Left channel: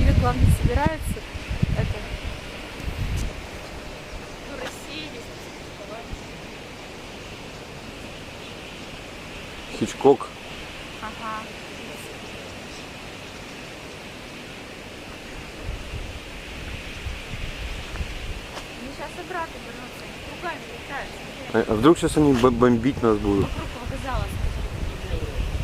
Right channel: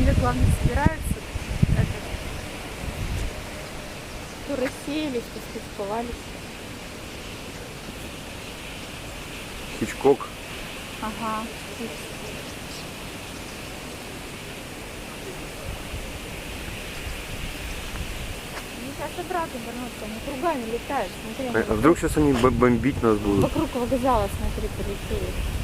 Они, как главное, собираются, это, то рассеялись, то спецковались. Хичкок. Ага. Они сейчас обратно вернутся, они кругами летают. Смотри, А вдруг сейчас они бомбить нас будут? вокруг вокзала, смотри, полетели.